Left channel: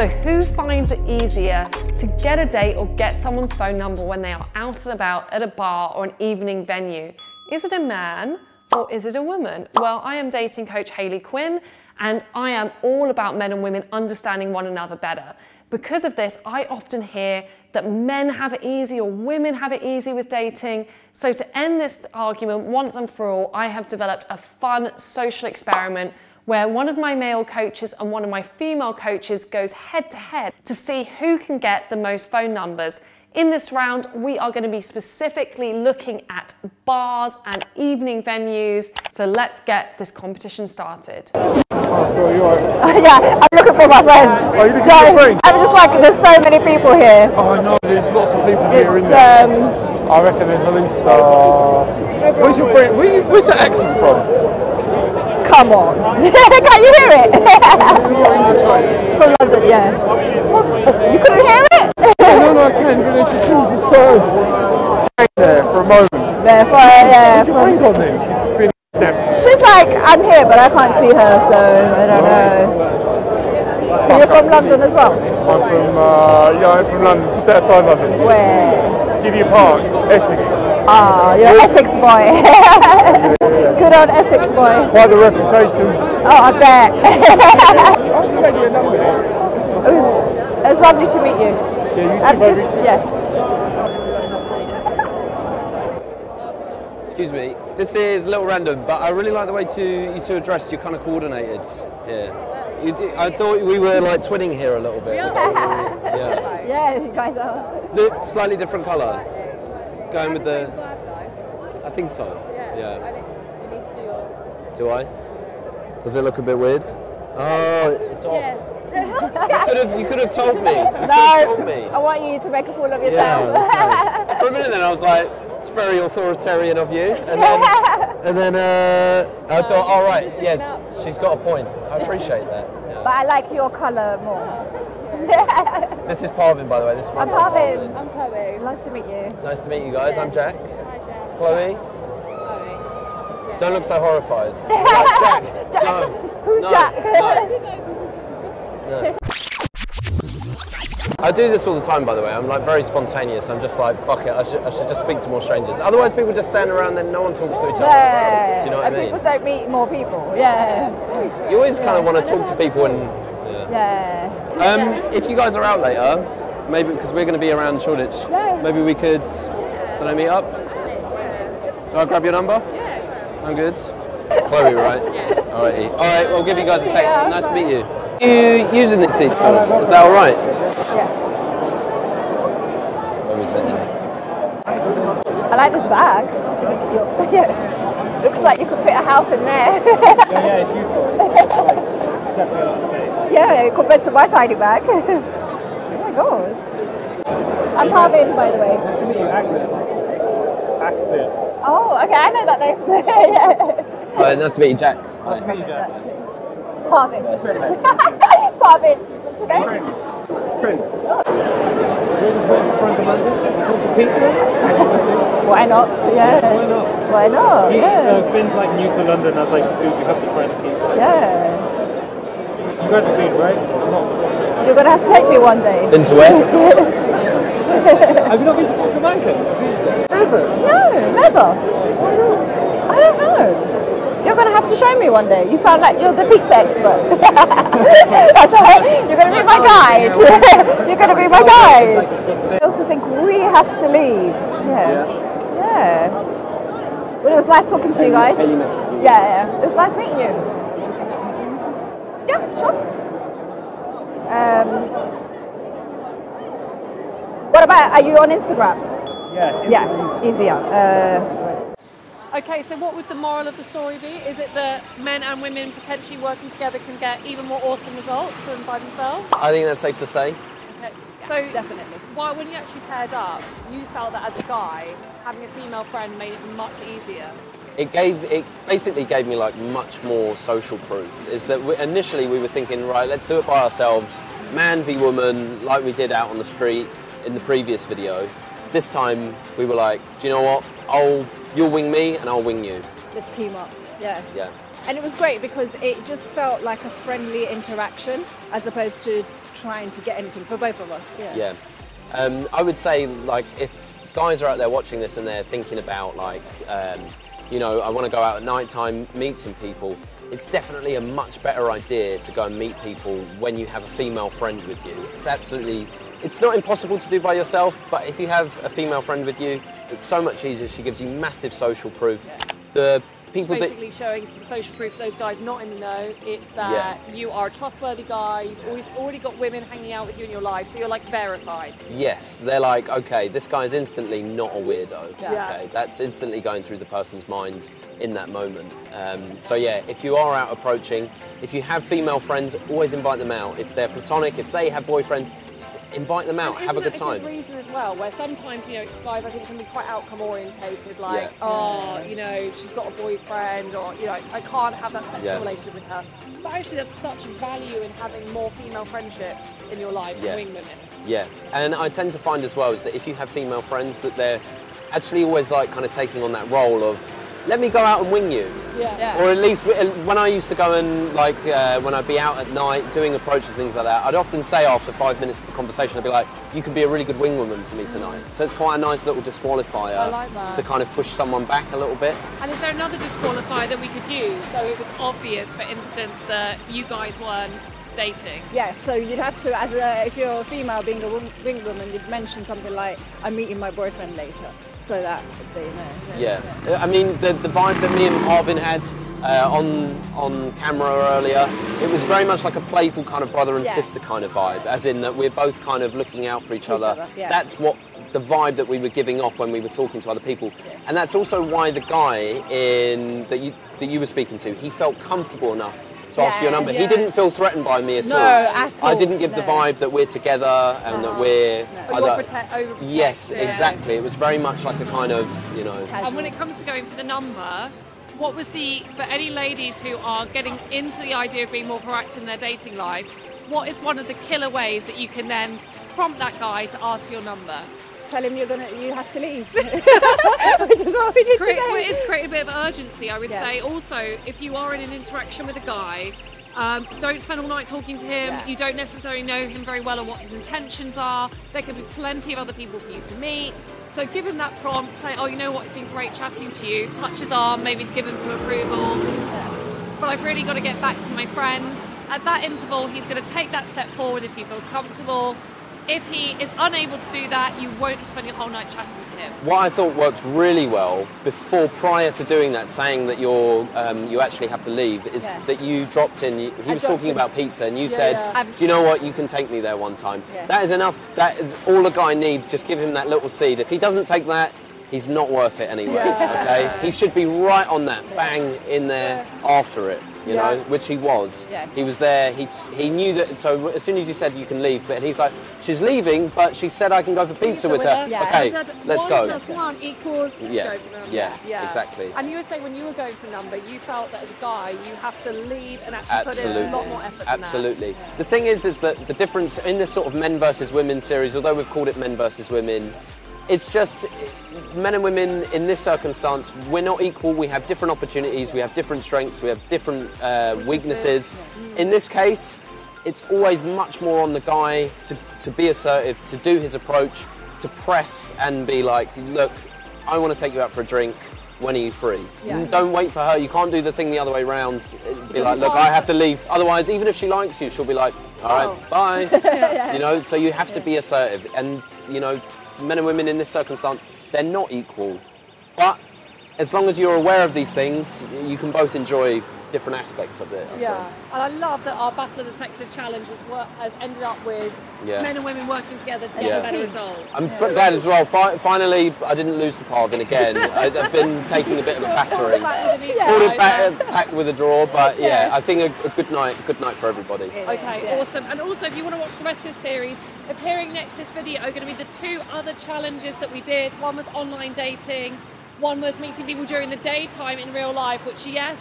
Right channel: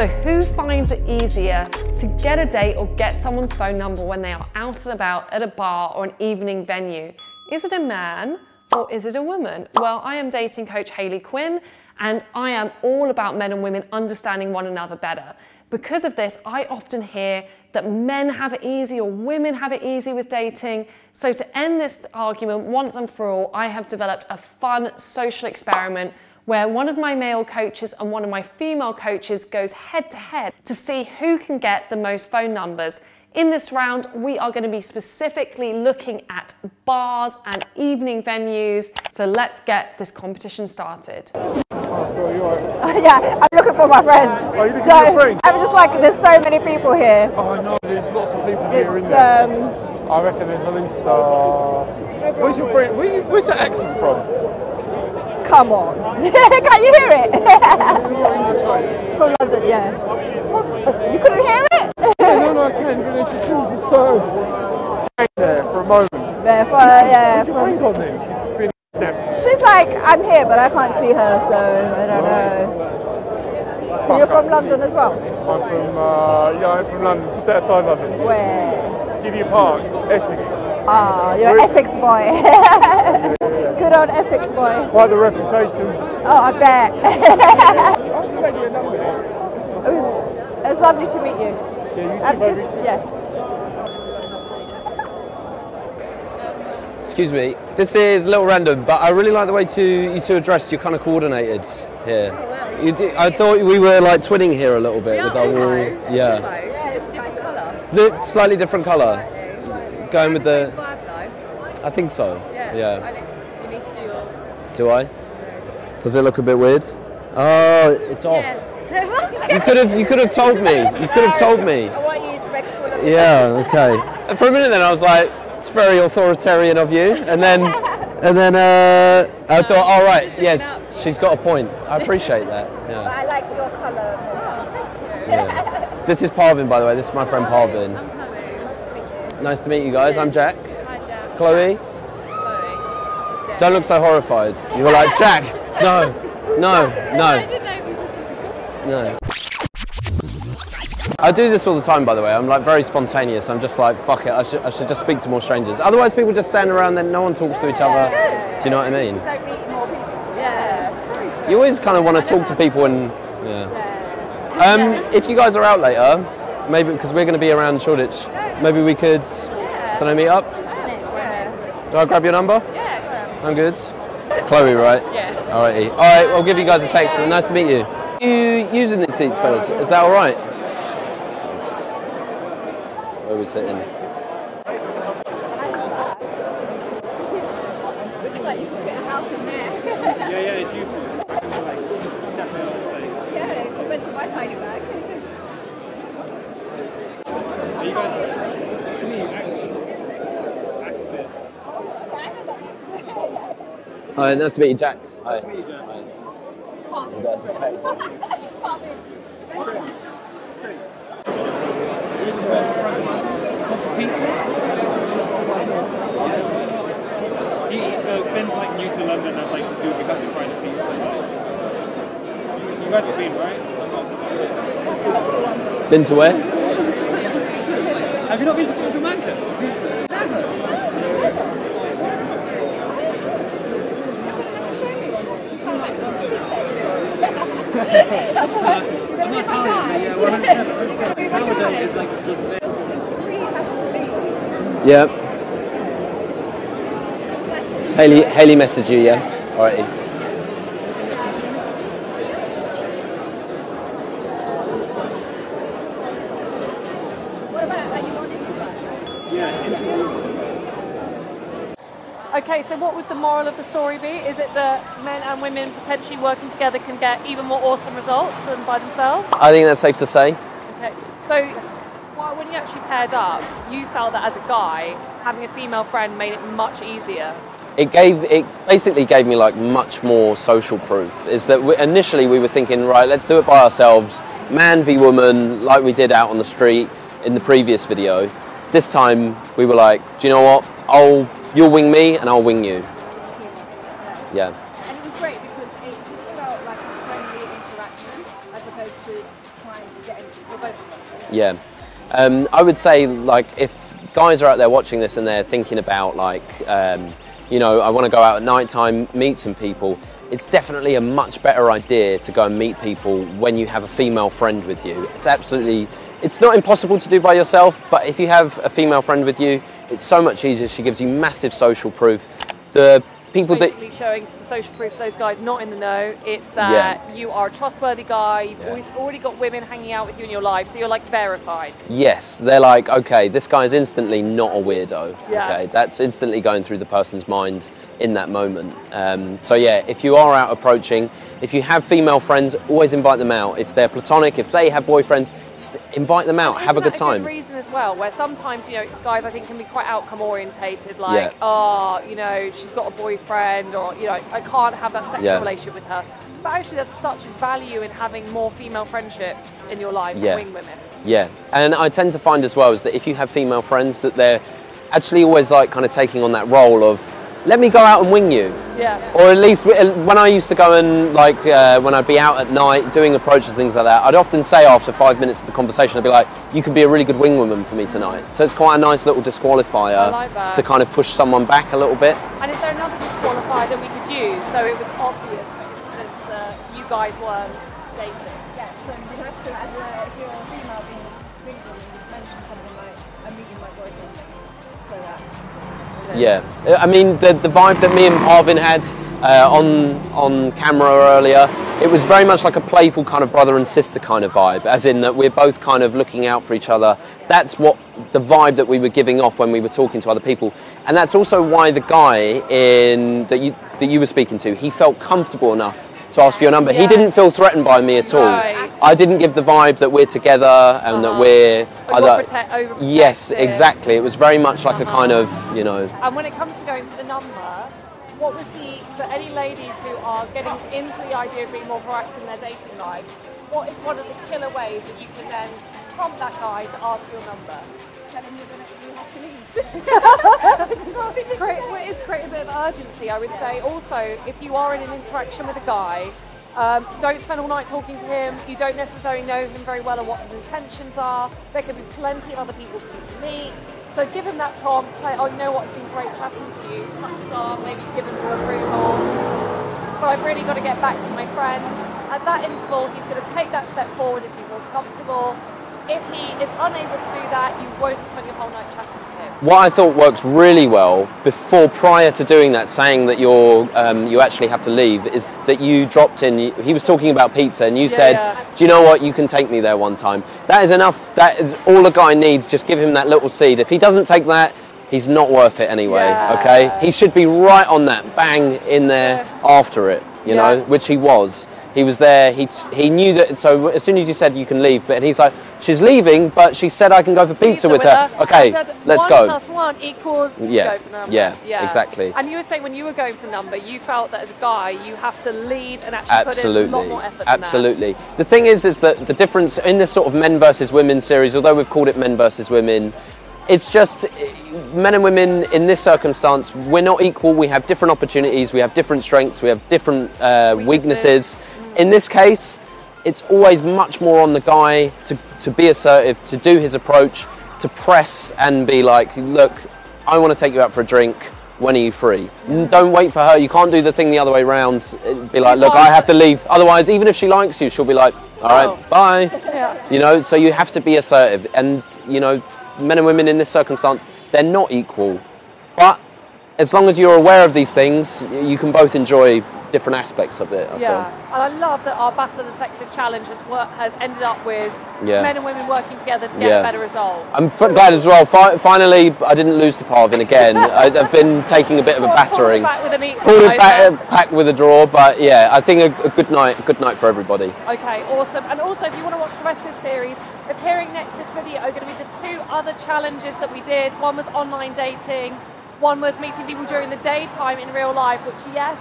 So who finds it easier to get a date or get someone's phone number when they are out and about at a bar or an evening venue? Is it a man or is it a woman? Well, I am dating coach Hayley Quinn, and I am all about men and women understanding one another better. Because of this, I often hear that men have it easy or women have it easy with dating. So to end this argument once and for all, I have developed a fun social experiment where one of my male coaches and one of my female coaches goes head to head to see who can get the most phone numbers. In this round, we are going to be specifically looking at bars and evening venues. So let's get this competition started. Oh, so you're right. Yeah, I'm looking for my friend. Oh, you're looking for your friend? I'm just like, there's so many people here. Oh, I know, there's lots of people here, isn't there? I reckon there's at least, where's your friend, where's that accent from? Come on. Can't you hear it? You're English, right? From London, yeah. You couldn't hear it? No, I can, but it just seems so there for a moment. Yeah, What's your friend on then? It's been she's like, I'm here, but I can't see her, so I don't know. So you're from London as well? I'm from London, just outside London. Where? Give you a park, Essex. Ah, you're an Essex boy. Good old Essex boy. Quite the reputation. Oh, I bet. I was making a number there. It was lovely to meet you. Yeah, you too, baby. Yeah. Excuse me, this is a little random, but I really like the way you two are dressed. You're kind of coordinated here. I thought we were like twinning here a little bit. Yeah, with our yeah. Yeah, it's different colour. The slightly different colour. Going with the. Vibe, though. I think so. Yeah. I think you need to do your. Do I? Does it look a bit weird? Oh, it's off. Yeah. You could have told me. You could have told me. I want you to make a fool of yourself. Yeah. Okay. And for a minute then I was like, it's very authoritarian of you, and then I thought, all right, yes, she's got a point. I appreciate that. Yeah. But I like your colour more. Yeah. This is Parvin, by the way. This is my friend Parvin. I'm Chloe. Nice to meet you. Nice to meet you guys. I'm Jack. Hi, Jack. Chloe. Don't look so horrified. You were like, Jack. No. I do this all the time, by the way. I'm like very spontaneous. I'm just like, fuck it. I should just speak to more strangers. Otherwise, people just stand around, then no one talks to each other. Yeah. Do you know what I mean? Don't meet more people. Yeah. You always kind of want to talk to people and. Yeah. If you guys are out later, maybe because we're going to be around Shoreditch, maybe we could, don't I meet up? Do I grab your number? Yeah. I'm good. Chloe, right? Yeah. Alrighty. Alright, I'll give you guys a text. Nice to meet you. You using these seats, fellas? Is that alright? Where are we sitting? I like this bag. Looks like you could fit a house in there. Yeah, it's useful. Definitely on the space. Yeah, compared to my tiny bag. Oh my god. I'm Parvin, by the way. Active. Oh, okay, I know that name. Yeah. Hi, nice to meet you, Jack. Hi. Parvin. Parvin. What's your name? Why not? Yeah. Why not? Yeah. Finn's like new to London. I was like, dude, we have to try the pizza. Yeah. You guys have been, right? You're gonna have to take me one day. Been to where? Have you not been to Jamaica? No, never. I don't know. You're gonna have to show me one day. You sound like you're the pizza expert. That's right. You're gonna be my guide. You're gonna be my guide. I also think we have to leave. Yeah. Well, it was nice talking to you guys. Hayley messaged you, yeah? Yeah. All right. It was nice meeting you. Yeah, sure. What about, are you on Instagram? Yeah, easier. Okay, so what would the moral of the story be? Is it that men and women potentially working together can get even more awesome results than by themselves? I think that's safe to say. Okay, so when you actually paired up, you felt that as a guy, having a female friend made it much easier. It basically gave me like much more social proof. Is that initially we were thinking, right, let's do it by ourselves, man v woman, like we did out on the street in the previous video. This time we were like, do you know what? You'll wing me and I'll wing you. Just team up. Yeah. And it was great because it just felt like a friendly interaction as opposed to trying to get anything for both of us. Yeah. I would say, like, if guys are out there watching this and they're thinking about, like, you know, I want to go out at night time, meet some people, it's definitely a much better idea to go and meet people when you have a female friend with you. It's not impossible to do by yourself, but if you have a female friend with you, it's so much easier. She gives you massive social proof. The people basically showing some social proof for those guys not in the know. It's that you are a trustworthy guy. You've already got women hanging out with you in your life, so you're like verified. Yes, they're like, okay, this guy is instantly not a weirdo. Yeah. Okay, that's instantly going through the person's mind in that moment. So yeah, if you are out approaching, if you have female friends, always invite them out. If they're platonic, if they have boyfriends, invite them out, have a good time. That's a good reason as well, where sometimes, you know, guys I think can be quite outcome orientated, like, oh, you know, she's got a boyfriend, or, you know, I can't have that sexual relationship with her. But actually there's such value in having more female friendships in your life than wing women. Yeah, and I tend to find as well is that if you have female friends, that they're actually always like kind of taking on that role of, let me go out and wing you. Yeah. Or at least when I used to go and, like, when I'd be out at night doing approaches, things like that, I'd often say after 5 minutes of the conversation, I'd be like, you could be a really good wing woman for me tonight. So it's quite a nice little disqualifier to kind of push someone back a little bit. And is there another disqualifier that we could use? So it was obvious, for instance, that you guys weren't dating. Yeah, so you'd have to, if you're a female being a wing woman, you'd mention something like, I'm meeting my boyfriend later, so that they know. Yeah, I mean, the vibe that me and Parvin had on camera earlier, it was very much like a playful kind of brother and sister kind of vibe, as in that we're both kind of looking out for each other. That's what the vibe that we were giving off when we were talking to other people. And that's also why the guy that you were speaking to, he felt comfortable enough to ask for your number. He didn't feel threatened by me at all. I didn't give the vibe that we're together and that we're overprotective. Yes, exactly. It was very much like a kind of, you know. And when it comes to going for the number, what was for any ladies who are getting into the idea of being more proactive in their dating life, what is one of the killer ways that you can then prompt that guy to ask for your number? Tell him you have to leave. It is create a bit of urgency, I would say. Also, if you are in an interaction with a guy, don't spend all night talking to him. You don't necessarily know him very well or what his intentions are. There could be plenty of other people for you to meet. So give him that prompt, say, oh, you know what, it's been great chatting to you. Touch his arm, maybe to give him some approval. But I've really got to get back to my friends. At that interval, he's going to take that step forward if he feels comfortable. If he is unable to do that, you won't spend your whole night chatting to him. What I thought works really well prior to doing that, saying that you actually have to leave, is that you dropped in. He was talking about pizza, and you said, "Do you know what? You can take me there one time." That is enough. That is all a guy needs. Just give him that little seed. If he doesn't take that, he's not worth it anyway. Okay, he should be right on that, bang in there after it. You know, which he was. He was there. He knew that. So as soon as you said you can leave, but he's like, she's leaving, but she said I can go for pizza with her. Okay, let's go. 1 + 1 equals. Go for number. Yeah, exactly. And you were saying when you were going for the number, you felt that as a guy, you have to lead and actually put in a lot more effort. Absolutely. The thing is that the difference in this sort of men versus women series, although we've called it men versus women, it's just men and women in this circumstance, we're not equal. We have different opportunities, we have different strengths, we have different weaknesses. In this case, it's always much more on the guy to be assertive, to do his approach, to press and be like, look, I want to take you out for a drink. When are you free? Don't wait for her. You can't do the thing the other way around. Be like, look, I have to leave. Otherwise, even if she likes you, she'll be like, all right, bye. You know, so you have to be assertive. And, you know, men and women in this circumstance, they're not equal. But as long as you're aware of these things, you can both enjoy different aspects of it, I feel. And I love that our Battle of the Sexes challenge has ended up with men and women working together to get a better result. I'm glad as well. Finally, I didn't lose to Parvin again. I've been taking a bit of a battering. Pulled it back with a draw, but yeah, I think a good night for everybody. Okay, awesome. And also, if you want to watch the rest of the series, appearing next to this video are going to be the 2 other challenges that we did. One was online dating, one was meeting people during the daytime in real life, which yes,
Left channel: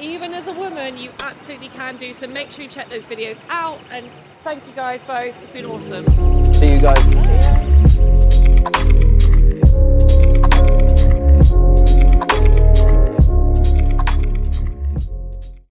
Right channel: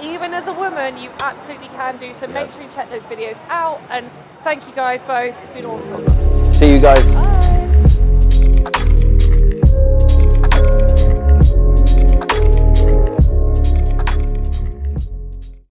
even as a woman, you absolutely can do. So make sure you check those videos out. And thank you guys both. It's been awesome. See you guys.